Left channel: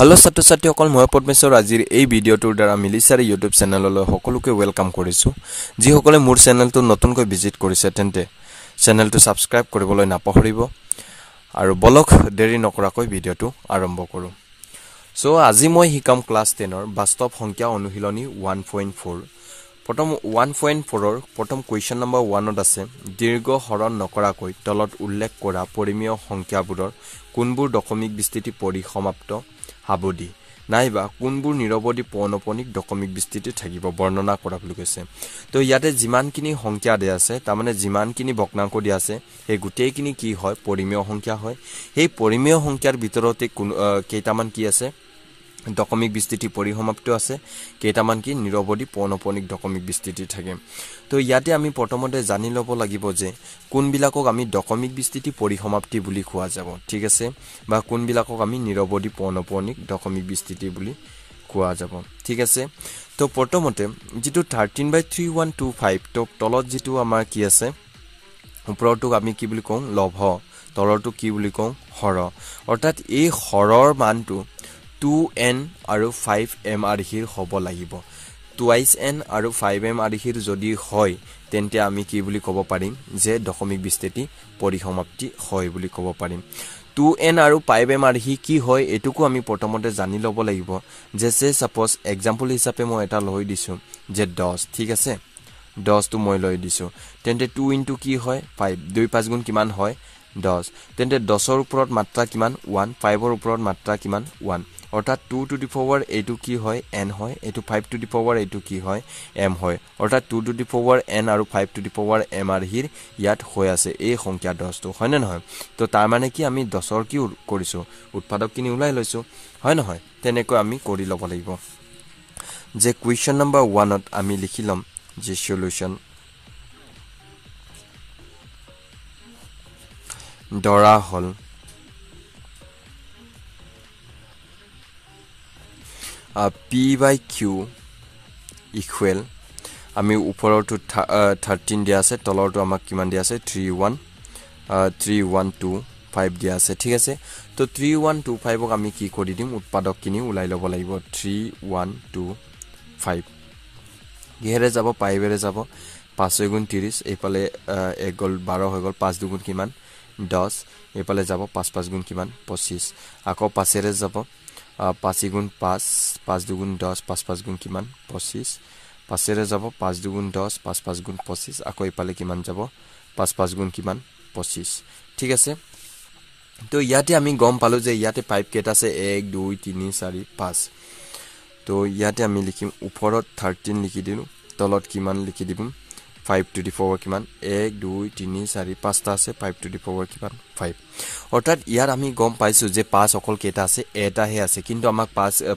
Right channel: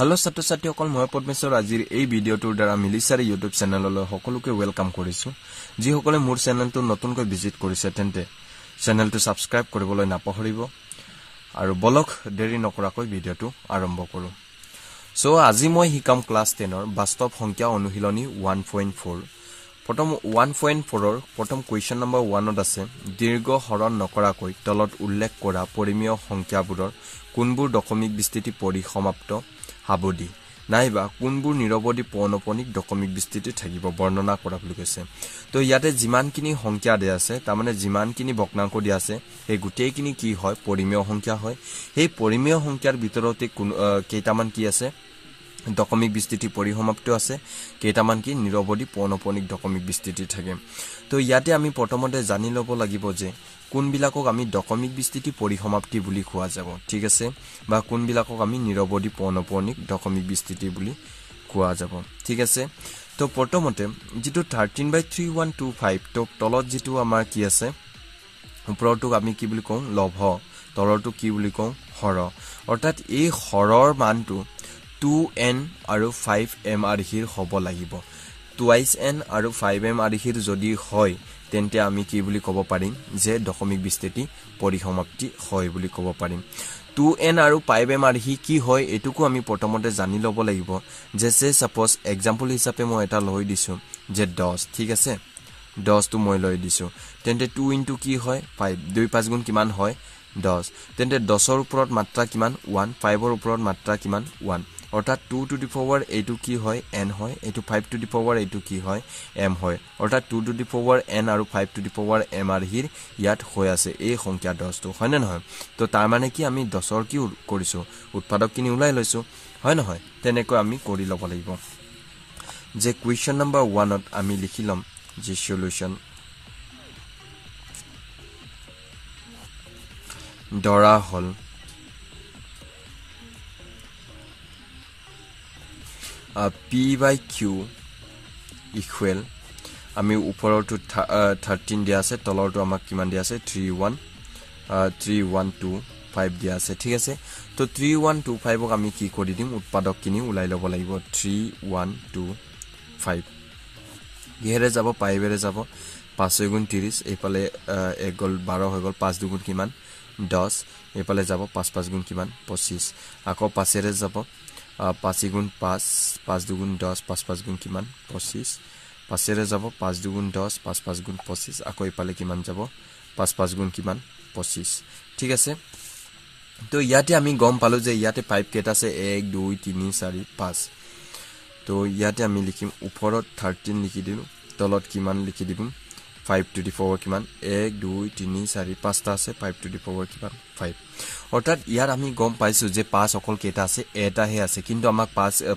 Hello ছাত্ৰ-ছাত্ৰীসকল মই পদ্মেশ্বৰ আজিৰ এই ভিডিঅটোৰ দ্বাৰা মিলিছাৰী ইউটিউব চেনেললৈ সকলোকে ওয়েলকাম কৰিছো যি সকলে মোৰ চেনেলটো নতুনকৈ ভিজিট কৰিছে তেন্তে চেনেলটো সাবস্ক্ৰাইব কৰিবলৈ নাপাহৰিব আৰু বলক দেৰি নকৰাকৈ ভিডিঅটো আৰম্ভ কৰো সো আজি মই হিকাম ক্লাস 10 ৰ বাস্তৱ সংখ্যা অনুশীলনী 1.4 প্ৰথম 1.4 ৰ প্ৰথম কোৱেশ্চন নম্বৰ 1 ত আছে দীৰ্ঘ হৰণ নকৰাকৈ তলত উল্লেখ কৰা পৰিমেয় সংখ্যাবোৰৰ কোনবোৰ দশমিক বিস্তৃতি পৰিসমাপ্ত হাবদি নাইবা কোনবোৰ নিৰবধি পৌনপনিক দশমিক বিস্তৃতি থাকিব বৰ্ণনা কৰা বুলি কৈছে তো ইয়াতে যিমানখিনি সংখ্যা দিয়া আছে তাৰ মানে যিমানখিনি ভগ্নাংক দিয়া আছে এই গুটেইখিনি কি হয় পৰিমেয় সংখ্যা হয় এই পৰিমেয় সংখ্যাৰ ভিতৰতে কেইটামান কি আছে দশমিক বিস্তৃতি পৰিসমাপ্ত আছে কেইটামান কি নিৰবধি পৌনপনিক দশমিক বিস্তৃতি থাকে তো ইয়াতে আমি প্ৰথমতে জানি লব লাগিব যে কোনবিলাকক আমি দশমিক বিস্তৃতি পৰিসমাপ্তি বুলি কোৱা যাব ঠিক আছে বা কোনবিলাকক আমি নিৰবধি পৌনপনিক দশমিক বিস্তৃতি বুলি কোৱা যাব ঠিক আছে তো প্ৰথমতে যেটো 13/3125 তো তলত যেটো আমাৰ কি আছে ওপৰটো আমি কি বুলি কওঁ লভ তলৰটো কি বুলি কওঁ হৰ অৰ্থাৎ এই হৰৰ মানটো 2n আৰু 5m আৰহিৰ হ'ব লাগিব 2n আৰু 5m আৰহিৰ যদি হয় তেন্তে আমি কি বুলি ক'ব পাৰিম যে দশমিক বিস্তৃতি পৰিসমাপ্তি হয় বুলি ক'ব পাৰিম 2n আৰু 5m আৰহি কি হয় এটুকু আমি প্ৰথমতে জানি ল'ব লাগিব যে সাপোজ एग्जांपल হিচাপে মই এটা লৈ দিছো যে 10 ঠিক আছে 10 টো মই লৈ দিছো তেন্তে 2 ইনটু কি হয় 5 2 5 গুণ কিমান হয় 10 তেন্তে 10 ৰ ওপৰত মাত্ৰা কিমান 1 5 ৰ ওপৰত মাত্ৰা কিমান 1 অৰ্থাৎ 2 টু দি পাৱাৰ এটো কি হয় n হয় এটো 5 টু দি পাৱাৰ এটো কি হয় m হয় অৰ্থাৎ 2 টু দি পাৱাৰ n আৰু 5 টু দি পাৱাৰ m আৰহিৰ ইয়াত হৈ আছে এই সংখ্যা 10 টো হয় না নহয় তো তাৰ মানে কি আমি 10 ৰ কি কৰিছো উৎপাদক কিনি উলাই লৈছো হয় নহয় তেনেকৈ আমি কৰি লব লাগিব যে কোৱেশ্চন নম্বৰ 1 ত আমি লিখিলম যে সলিউশন দৰা হল p by q equal আমি উপৰটো 13 দিয়া আছে তলৰটো আমাক কিমান দিয়া আছে 3125 দিয়া আছে ঠিক আছে তো 3125 ক আমি কি কৰি দিম উৎপাদক কিনি উলাই লব লাগিব 3125 গেৰে যাব পাইবেৰে যাব 5 গুণ 30 এফালে 1 গল 12 হৈ গল 5 দুগুণ কিমান 10 এফালে যাব 5 5 গুণ কিমান 25 আকৌ 5 এৰে যাব 5 গুণ 5 5 দুগুণ 10 5 5 গুণ কিমান 25 5 এৰে যাব 5 দুগুণ 10 5 5 গুণ 25 আকৌ ইপালে কিমান যাব 5 5 গুণ কিমান 25 ঠিক আছে তো ইয়াতে আমি গম পালো যে ইয়াতে 5 কেটা আছে 1 2 3 4 5 তো ইয়াতে আমি লিখিম উপৰত 13 লিখি দিলো তলত কিমান লিখি দিম 5 to the power কিমান 1 2 3 4 5 টা আছে 5 to the power কিমান 5 অৰ্থাৎ ইয়াৰ আমি গম পাইছো যে 5 অকল কেটা আছে এটা হে আছে কিন্তু আমাক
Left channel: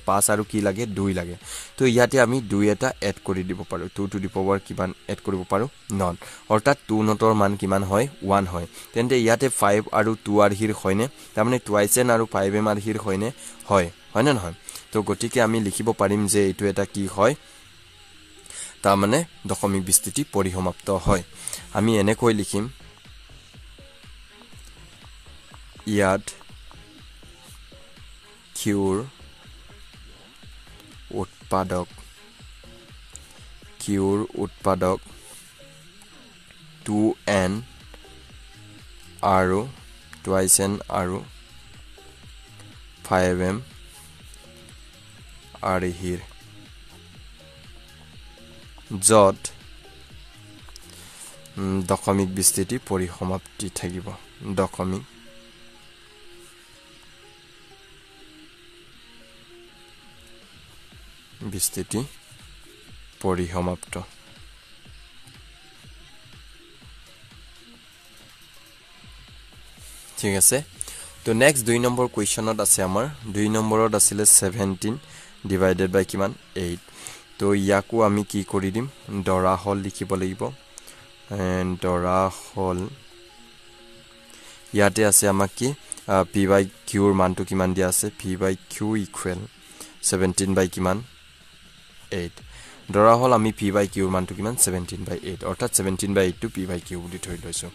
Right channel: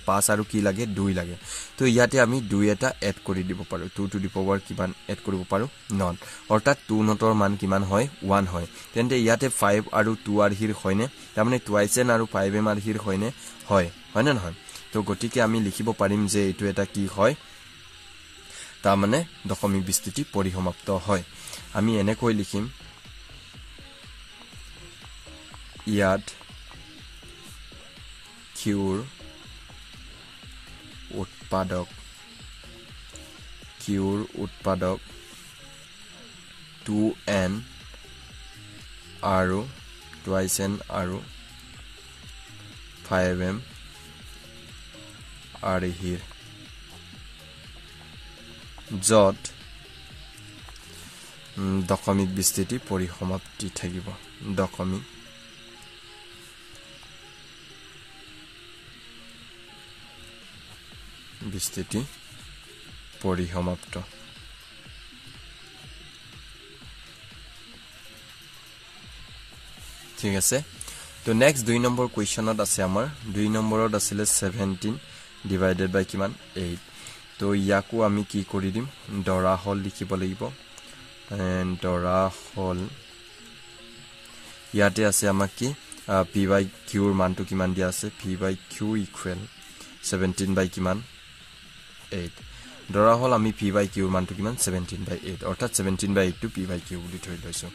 5 আৰু কি লাগে 2 লাগে তো ইয়াতে আমি 2 এটা এড কৰি দিব পাৰো 2 to the power কিমান এড কৰিব পাৰো নট অৰ্থাৎ 2 নটৰ মান কিমান হয় 1 হয় তেন্তে ইয়াতে 5 আৰু 2 আৰহিৰ হয়নে তাৰ মানে 2n আৰু 5m আৰহিৰ হয়নে হয় হয় না নহয় তো গতিকে আমি লিখিব পাৰিম যে এটো এটা কি হয় তাৰ মানে দশমিক বিস্তৃতি পৰিসমাপ্ত হয় আমি এনেকৈ লিখিম ইয়াত কিউৰ উৎপাদক 2n আৰু 2n আৰু 5m আৰহিৰ যত দশমিক বিস্তৃতি পৰিসমাপ্তি থাকিব দশমিক বিস্তৃতি পৰিসমাপ্ত ঠিক আছে তো নেক্সট 2 নম্বৰ কোৱেশ্চনত আছে আমাৰ 2 নম্বৰত আছিল 17 ডিভাইডেড বাই কিমান 8 তো ইয়াকো আমি কি কৰি দিম দৰা হল লিখিব লাগিব এন্ড দৰা হল ইয়াতে আছে আমাক কি p by q ৰ মানটো কিমান দিয়া আছে p by q equal 17 by কিমান 8 দৰা হল আমি p by q ৰ মানটো কিমান 17 by 8 অৰ্থাৎ 17 by 8 টো p by q বুলি ধৰি লৈছো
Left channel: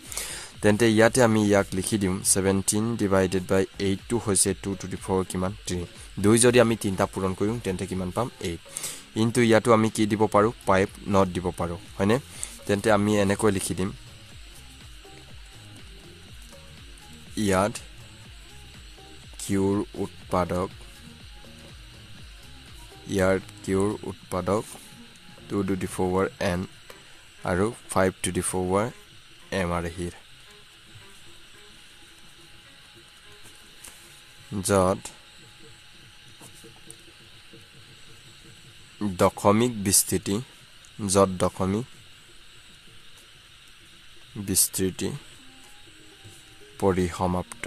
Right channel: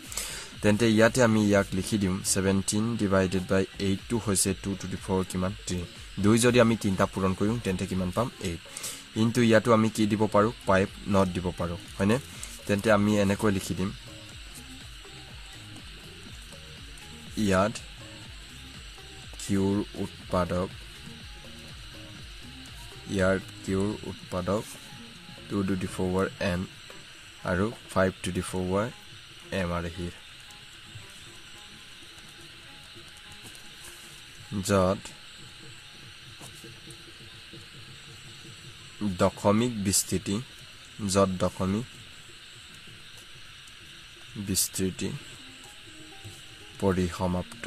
তেন্তে ইয়াতে আমি ইয়াক লিখি দিম 17 ডিভাইডেড বাই 8 টু হৈছে 2 টু দি 4 কিমান 3 দুই যদি আমি তিনটা পূৰণ কৰিম তেন্তে কিমান পাম 8 ইনটু ইয়াতো আমি কি দিব পাৰো 5 নট দিব পাৰো হয়নে তেন্তে আমি এনেকৈ লিখি দিম ইয়াত কিউৰ উৎপাদক ইয়াৰ কিউৰ উৎপাদক 2 to the power n আৰু 5 to the power m are here যত দশমিক বিস্তৃতি পরিসমাপ্ত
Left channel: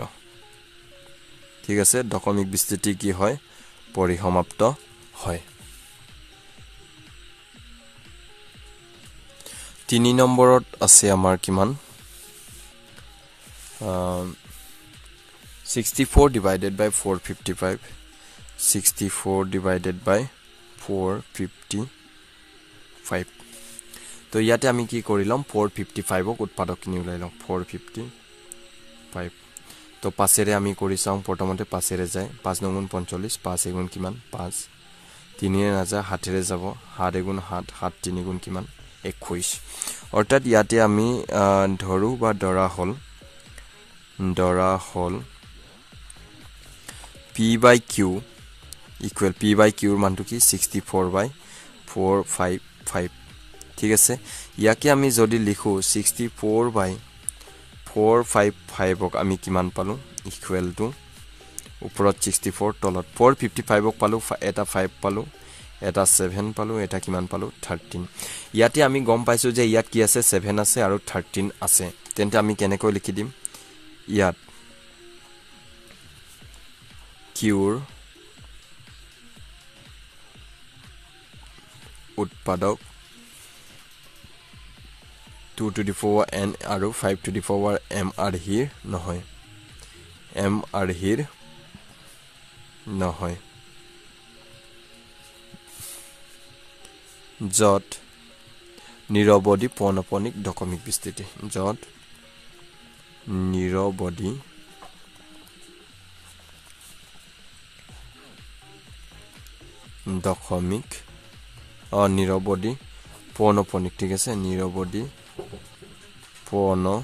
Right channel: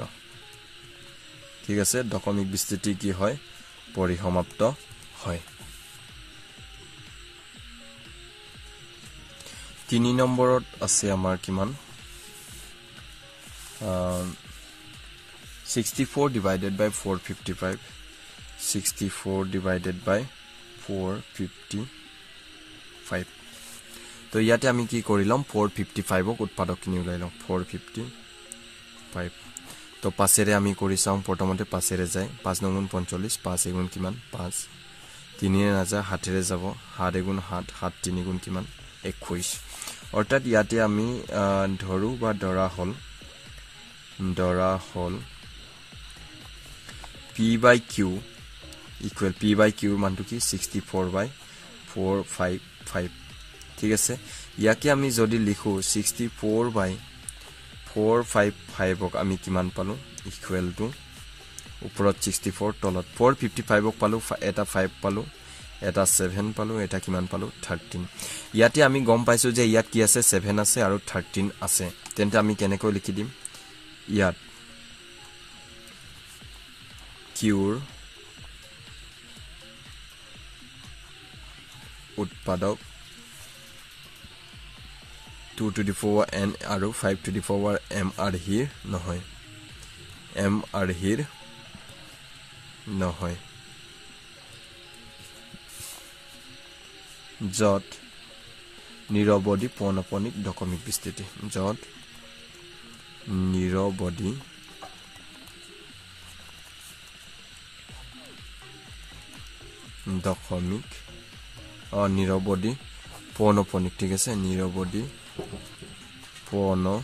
ঠিক আছে দশমিক বিস্তৃতি কি হয় পরিসমাপ্ত হয় 3 নম্বৰত আছে আমাৰ কিমান 64 divided by 455 64 divided by 455 তো ইয়াতে আমি কি কৰিলাম 455 ক উৎপাদক কিনি উলাইলাম 455 তো পাছেৰে আমি কৰি চাম প্ৰথমতে পাছেৰে যায় 5 9 45 5 গুণ কিমান 5 3 এ নাযা 7 ৰে যাব 7 গুণ 7 7 3 গুণ কিমান 21 অৰ্থাৎ ইয়াতে আমি ধৰু বা দৰা হল p by q equal p by q মানটো কি 64 by 455 ঠিক আছে ইয়াকে আমি যদি লিখো 64 by 455 ক আমি কিমান পালো ইকুৱেল টু ওপৰত 64 তলত 455 ক পালো এটা 5 পালো এটা 7 পালো এটা কিমান পালো 13 ইয়াতে আমি গম পাইছো যে ইয়াত কি আছে 7 আছে আৰু 13 আছে তেন্তে আমি কেনেকৈ লিখি দিম ইয়াত কিউৰ উৎপাদক 2 to the power n আৰু 5 to the power m are here নহয় m are here নহয় যত নিৰবধি পৌনপনিক দশমিক বিস্তৃতি যত নিৰবধি দশমিক নিৰবধি পৌনপনিক ঠিক আছে নিৰবধি পৌনপনিক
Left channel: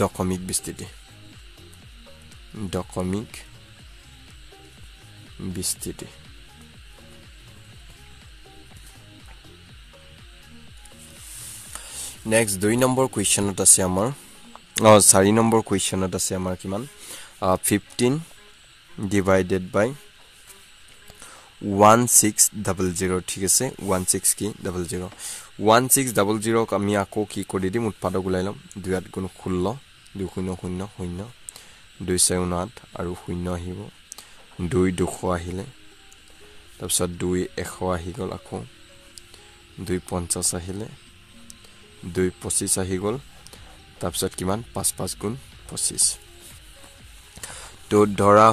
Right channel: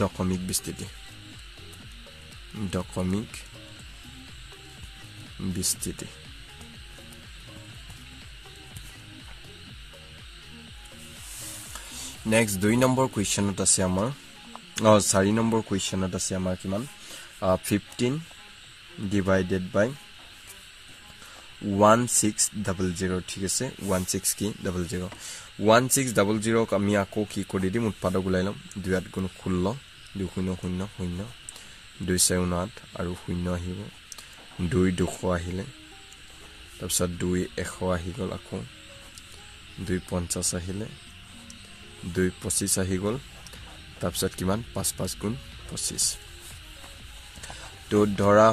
দশমিক বিস্তৃতি নেক্সট 2 নম্বৰ কোৱেশ্চনত আছে আমাৰ 4 নম্বৰ কোৱেশ্চনত আছে আমাৰ কিমান 15 divided by 1600 ঠিক আছে 16 কি 00 1600 ক আমি আকৌ কি কৰি দিম উৎপাদক উলাই লম 2 গুণ 16 2 0 0 0 2 4 8 আৰু 0 আহিব 2 200 আহিলে তাৰপিছত 2 100 আহি গল আকৌ 2 50 আহিলে 2 25 আহি গল তাৰপিছত কিমান 5 5 গুণ 25 তো ধৰা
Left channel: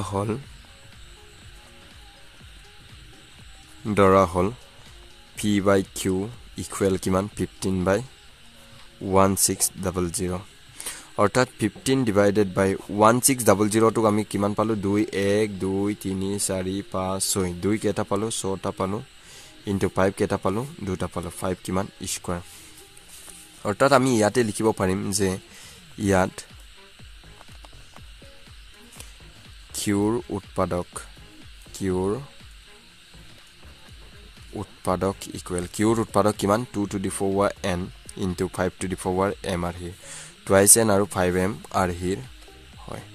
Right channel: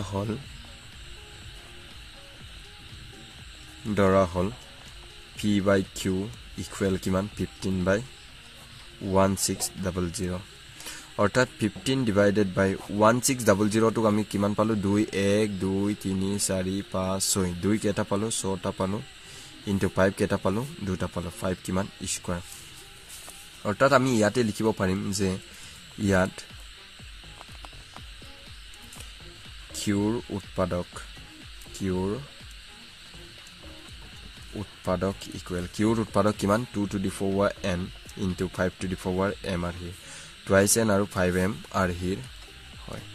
হল p by q equal কিমান 15 by 1600 অৰ্থাৎ 15 divided by 1600 টো আমি কিমান পালো 2 1 2 3 4 5 6 2 কেটা পালো 6 টা পালো into 5 কেটা পালো 2 টা পালো 5 কিমান স্কয়াৰ অৰ্থাৎ আমি ইয়াতে লিখিব পাৰিম যে ইয়াত কিউৰ উৎপাদক equal কিউৰ উৎপাদক কিমান 2 to the power n into 5 to the power m are here twice n আৰু 5m are here হয়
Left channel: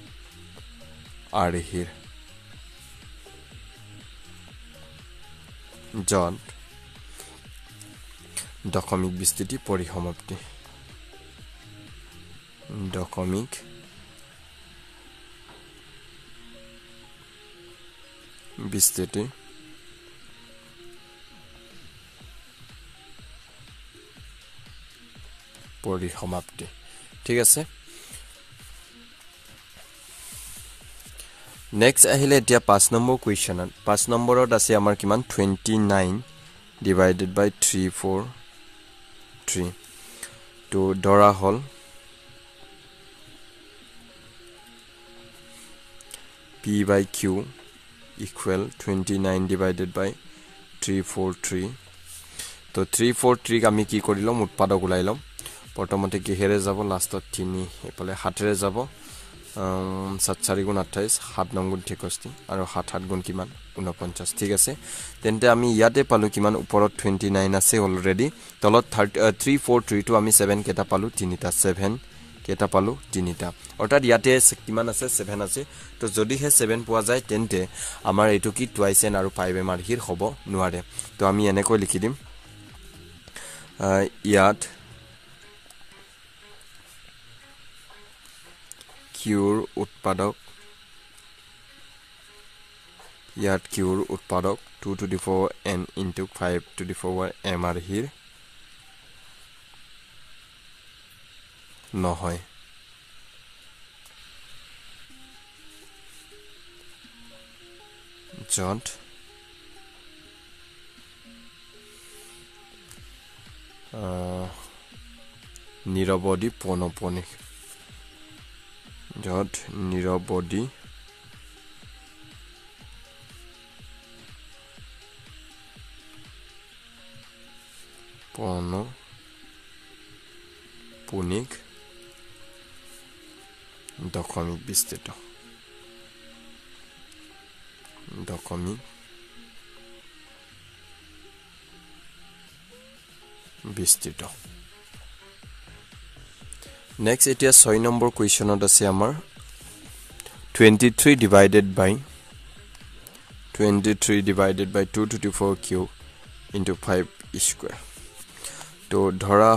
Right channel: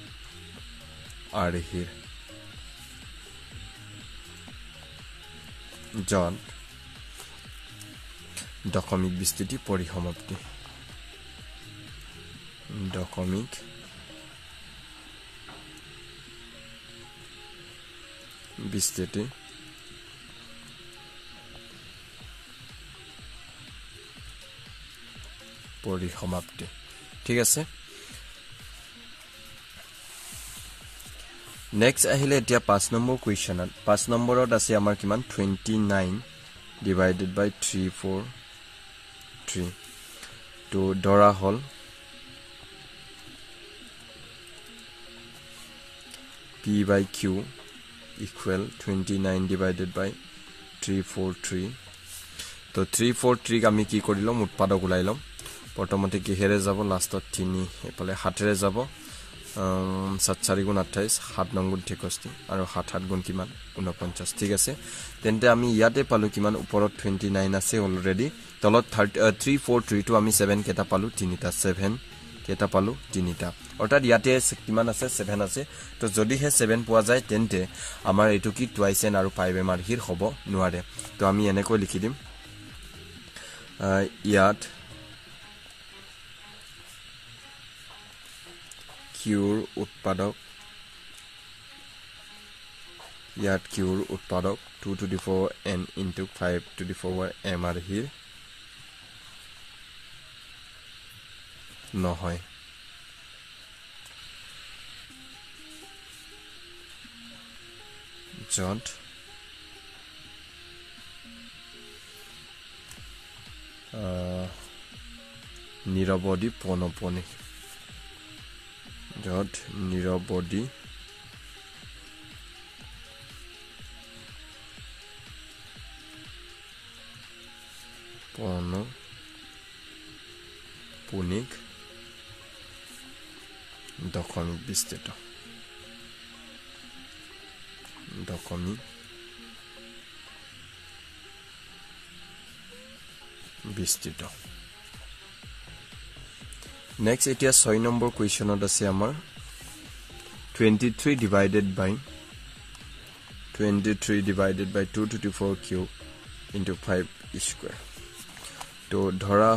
are here জন দশমিক বিস্তৃতি পৰিসমাপ্তি দশমিক বিস্তৃতি পৰিসমাপ্তি ঠিক আছে নেক্সট আহিলে এতিয়া 5 নম্বৰ কোৱেশ্চনত 5 নম্বৰত আছে আমাৰ কিমান 29 divided by 3 4 3 to ধৰা হল P by Q equal 29 divided by 343 তো 343 আমি কি কৰিলম উৎপাদক উলাইলম প্ৰথমতে কিহেৰে যাব লাষ্টত 3 এফালে 7 ৰে যাব 7 4 গুণ 28 7 9 গুণ 63 আৰু 7 7 গুণ কিমান 49 ঠিক আছে তেন্তে আমি ইয়াতে পালো কিমান ওপৰত 29 আছে অলৰেডি তলত 343 টো আমি 7 কেটা পালো 3টা 7 কেটা পালো 3টা অৰ্থাৎ ইয়াতে কিমান আছে 7 আছে তো যদি হে 7 পোৱা যায় তেন্তে আমাৰ এটো কি টুৱাইস n আৰু 5m ৰ হিৰ হ'ব নোৱাৰে তো আমি এনেকৈ লিখি দিম ইয়াত কিউৰ উৎপাদক ইয়াত কিউৰ উৎপাদক 2 to the 4 n into 5 to the 4 m ৰ হিৰ নহয় যত নিৰবধি পৌনঃপুনিক যত নিৰবধি পৌনঃপুনিক দশমিক বিস্তৃত দশমিক বিস্তৃত নেক্সট এতিয়া 6 নম্বৰ কোৱেশ্চনত আছে আমাৰ 23 divided by 2 to the 4 cube into 5 square তো ধৰা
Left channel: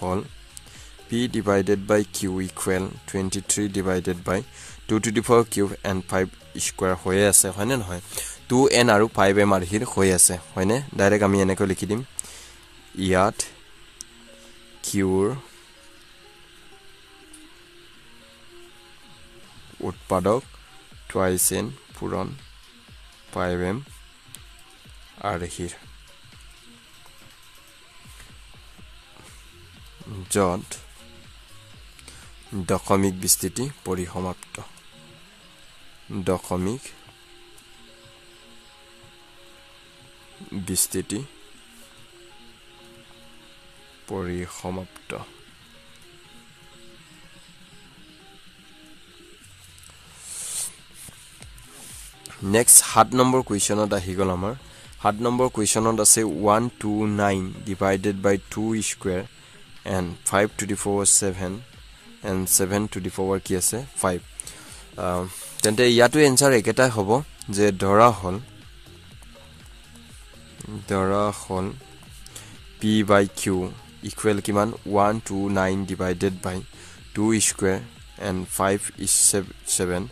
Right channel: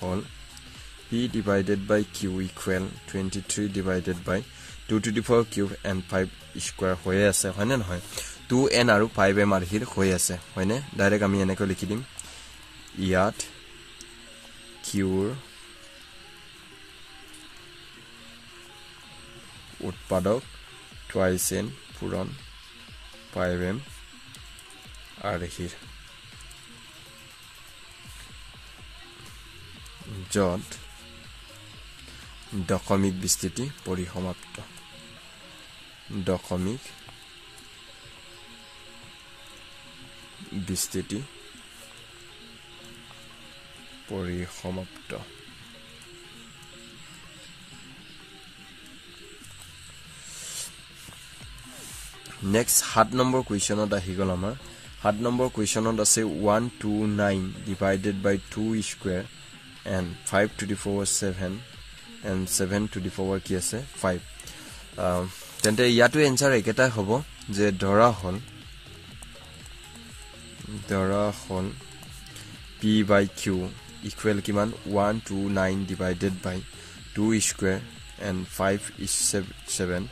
হল P divided by Q equal 23 divided by 2 to the 4 cube and 5 square হৈ আছে হয়নে নহয় 2n আৰু 5m ৰ হিৰ হৈ আছে হয়নে ডাইৰেক্ট আমি এনেকৈ লিখি দিম ইয়াত কিউৰ উৎপাদক টুৱাইস n পূৰণ 5m ৰ হিৰ যত দশমিক বিস্তৃতি পৰিসমাপ্ত দশমিক বিস্তৃতি পৰিসমাপ্ত নেক্সট 7 নম্বৰ কোৱেশ্চনত আহি গল আমাৰ 7 নম্বৰ কোৱেশ্চনত আছে 129 divided by 2 square and 5 to the 4 7 and 7 to the 4 কি আছে 5 তেন্তে ইয়াটো এনসার একেটাই হ'ব যে ধৰা হল P by Q equal কিমান 129 divided by 2 square and 5 is 7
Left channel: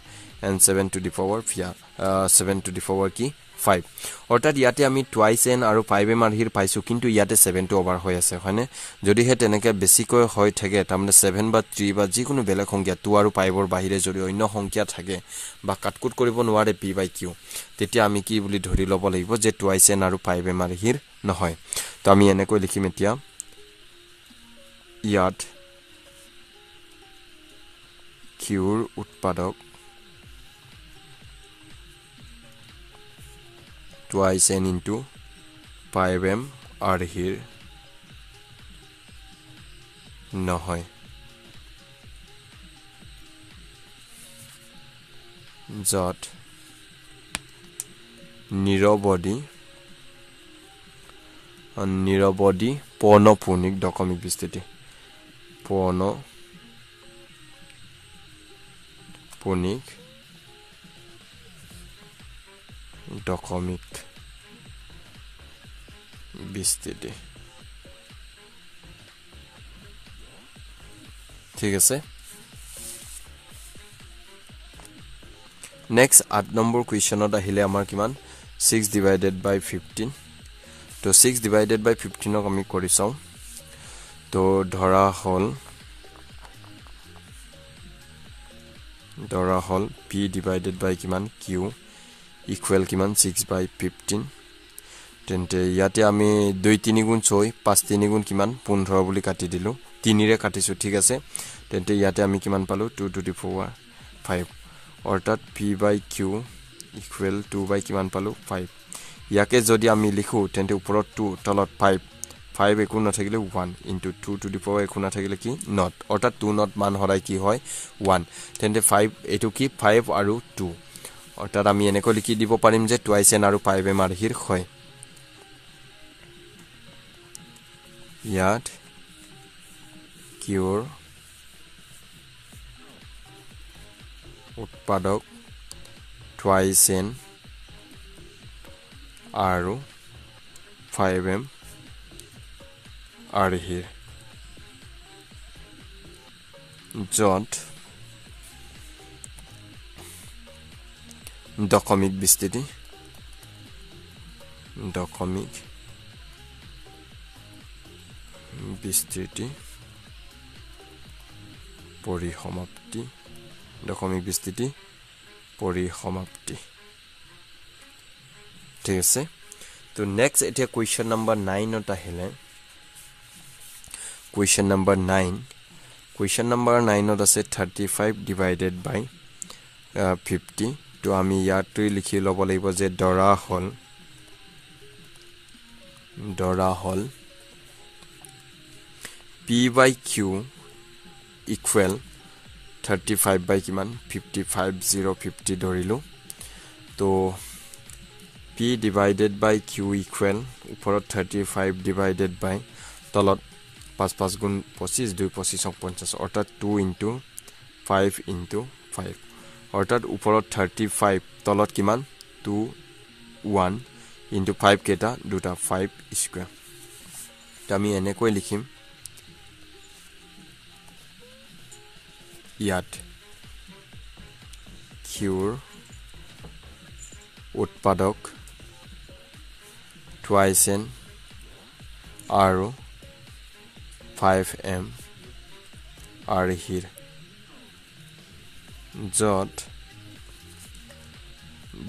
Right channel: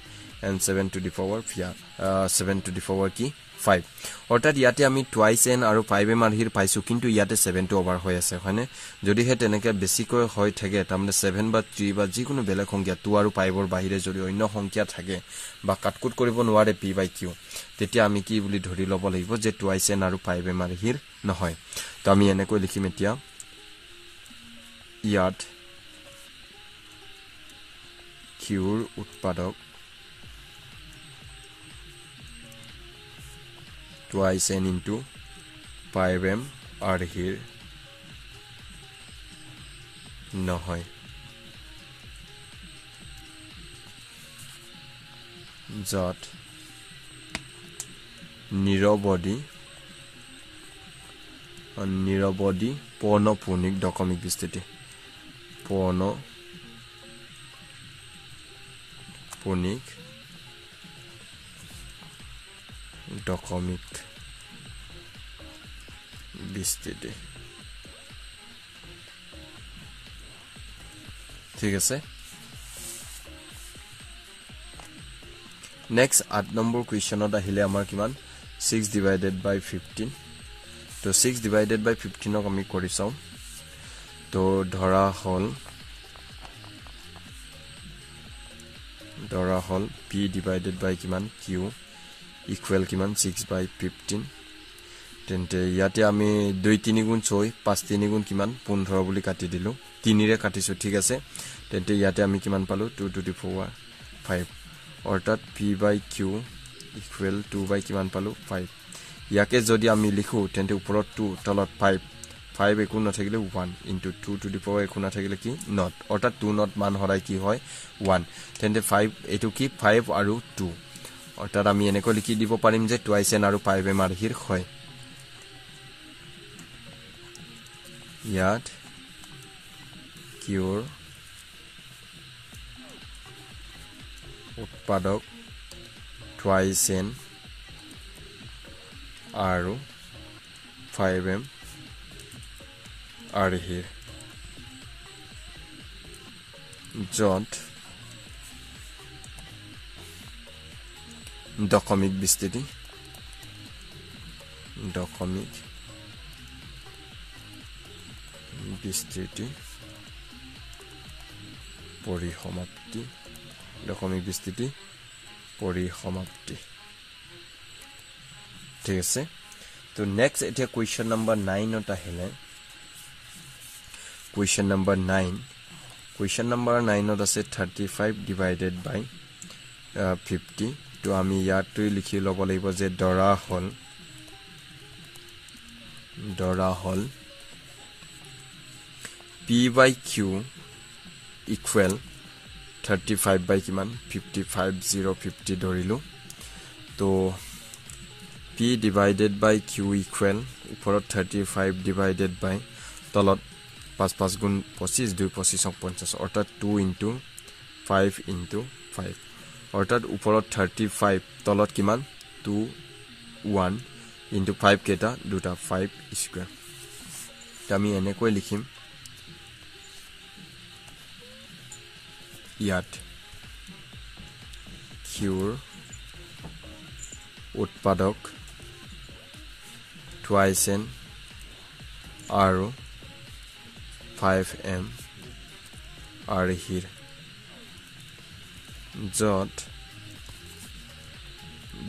and 7 to the power 7 to the power কি 5 অৰ্থাৎ ইয়াতে আমি টুৱাইস n আৰু 5m ৰ হিৰ পাইছো কিন্তু ইয়াতে 7 টো ওভাৰ হৈ আছে হয়নে যদি হে তেনেকে বেছিকৈ হৈ থাকে তাৰমানে 7 বা 3 বা যিকোনো বেলেগ সংখ্যা 2 আৰু 5 ৰ বাহিৰে যদি অন্য সংখ্যা থাকে বা কাটকুট কৰিব নোৱাৰে P by Q তেতিয়া আমি কি বুলি ধৰি লব লাগিব যে টুৱাইস n আৰু 5m ৰ হিৰ নহয় তো আমি এনেকৈ লিখিম এতিয়া ইয়াত কিউৰ উৎপাদক twice n into 5m are here নহয় যত নিৰবধি পৌনঃপুনিক দশমিক বিস্তৃতি পৌনঃপুনিক দশমিক বিস্তৃতি ঠিক আছে নেক্সট 8 নম্বৰ কোৱেশ্চনত আহিলে আমাৰ কিমান 6 divided by 15 তো 6 divided by 15 ক আমি কৰি চাও তো ধৰা হল P divided by কিমান Q ইকুৱেল কিমান 6/15 তেন্তে ইয়াতে আমি 2 3 গুণ 6 5 3 গুণ কিমান 15 বুলি কাটি দিলো 3 ৰে কাটিছো ঠিক আছে তেন্তে ইয়াতে আমি কিমান পালো 2 to the power 5 অৰ্থাৎ p/q ইকুৱেল 2 কিমান পালো 5 ইয়াকে যদি আমি লিখো তেন্তে ওপৰত 2 তলত 5 একো নাথাকিলে 1 into 2 to the power একো নাথাকিলে কি not অৰ্থাৎ 2 not মান হৰাই কি হয় 1 তেন্তে 5 এটো কি 5 আৰু 2 অৰ্থাৎ আমি এনেকৈ লিখি দিব পাৰিম যে twice n আৰু 5m আৰহিৰ হয় ইয়াত কিউৰ উৎপাদক twice n আৰু 5m আৰহিৰ য'ত দশমিক বিস্তৃতি পৰিসমাপ্তি দশমিক বিস্তৃতি পৰিসমাপ্তি ঠিক আছে তো নেক্সট এতিয়া কোৱেশ্চন নম্বৰ 9 ত আহিলে কোৱেশ্চন নম্বৰ 9 ত আছে 35 divided by 50 তো আমি ইয়াতে লিখি লব লাগিব যে দৰা হল p/q equal 35 by কিমান 55 050 ধৰিলো তো p divided by q equal ওপৰত 35 divided by তলত 5 5 গুণ 25 2 25 50 অৰ্থাৎ 2 into 5 into 5 অৰ্থাৎ ওপৰত 35 তলত কিমান 2 1 into 5 কেটা দুটা 5 স্কয়াৰ আমি এনেকৈ লিখিম ইয়াত কিউৰ উৎপাদক twice n আৰু 5m আৰহিৰ য'ত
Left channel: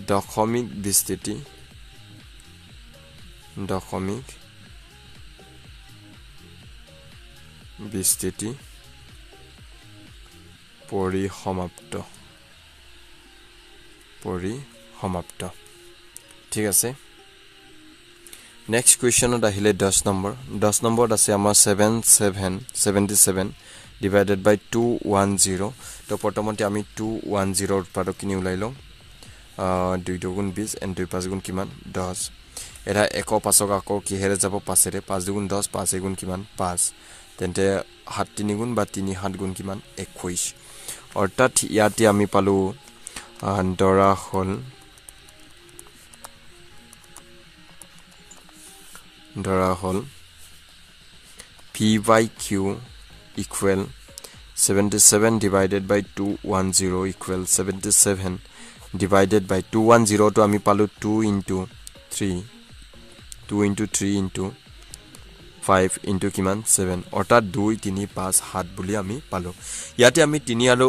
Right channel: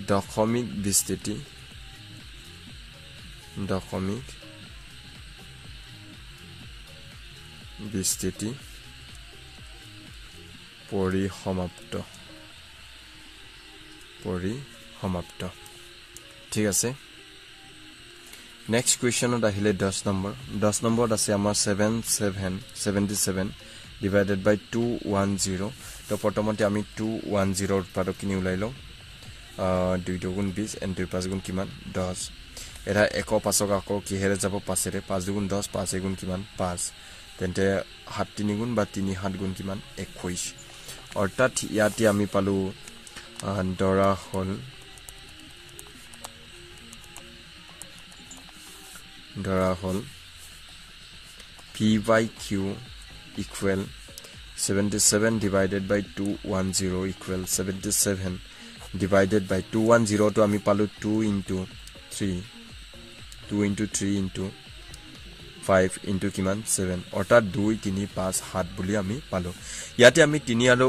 দশমিক বিস্তৃতি পৰিসমাপ্ত ঠিক আছে নেক্সট কোৱেশ্চনত আহিলে 10 নম্বৰত আছে আমাৰ 77 divided by 210 তো প্ৰথমতে আমি 210 উৎপাদক কিনি উলাই লম 2 2 গুণ 20 and 2 5 গুণ কিমান 10 এটা 1 5ক আকৌ কিহেৰে যাব 5 ৰে 5 গুণ 10 5 গুণ কিমান 5 তেন্তে 7 3 গুণ বা 3 7 গুণ কিমান 21 অৰ্থাৎ ইয়াতে আমি পালো দৰা হল p/q equal 77 divided by 210 equal 77 divided by 210 to আমি পালো 2 into 3 into 5 into কিমান 7 অৰ্থাৎ 2 3 5 7 বুলি আমি পালো ইয়াতে আমি 3 আৰু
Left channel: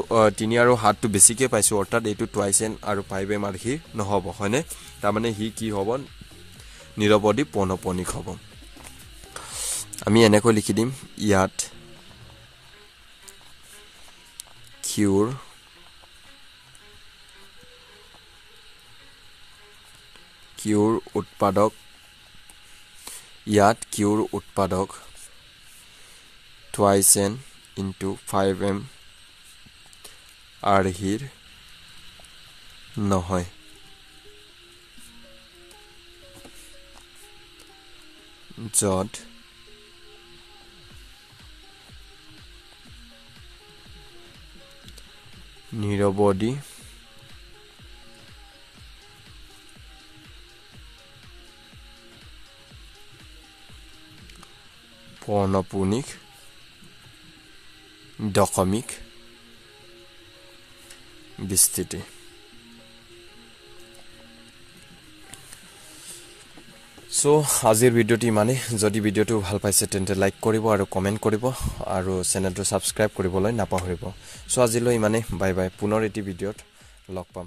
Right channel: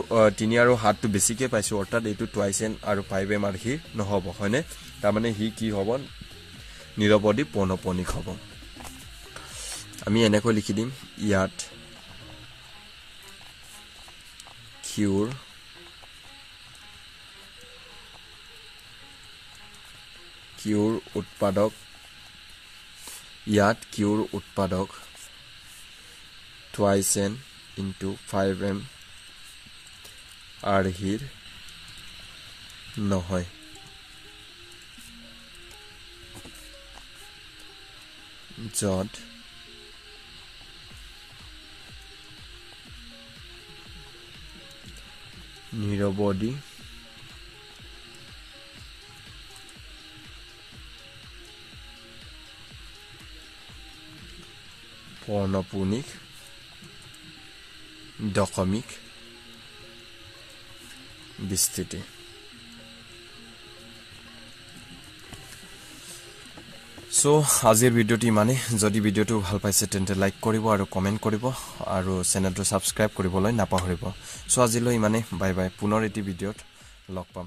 7 টো বেছিকে পাইছো অৰ্থাৎ এটো twice n আৰু 5m আৰহি নহব হয়নে তাৰ মানে হি কি হ'ব নিৰবধি পৌনঃপুনিক হ'ব আমি এনেকৈ লিখি দিম ইয়াত কিউৰ উৎপাদক twice n into 5m আৰহিৰ নহয় য'ত নিৰবধি পৌনঃপুনিক দশমিক বিস্তৃতি সো আজিৰ ভিডিওটি মানে যদি ভিডিওটো ভাল পাইছে তেন্তে লাইক কৰিব আৰু কমেন্ট কৰিব আৰু চেনেলটো সাবস্ক্ৰাইব কৰিবলৈ নাপাহৰিব সো আজিলৈ মানে বাই বাই পুনৰ এটি ভিডিওত লগ পাম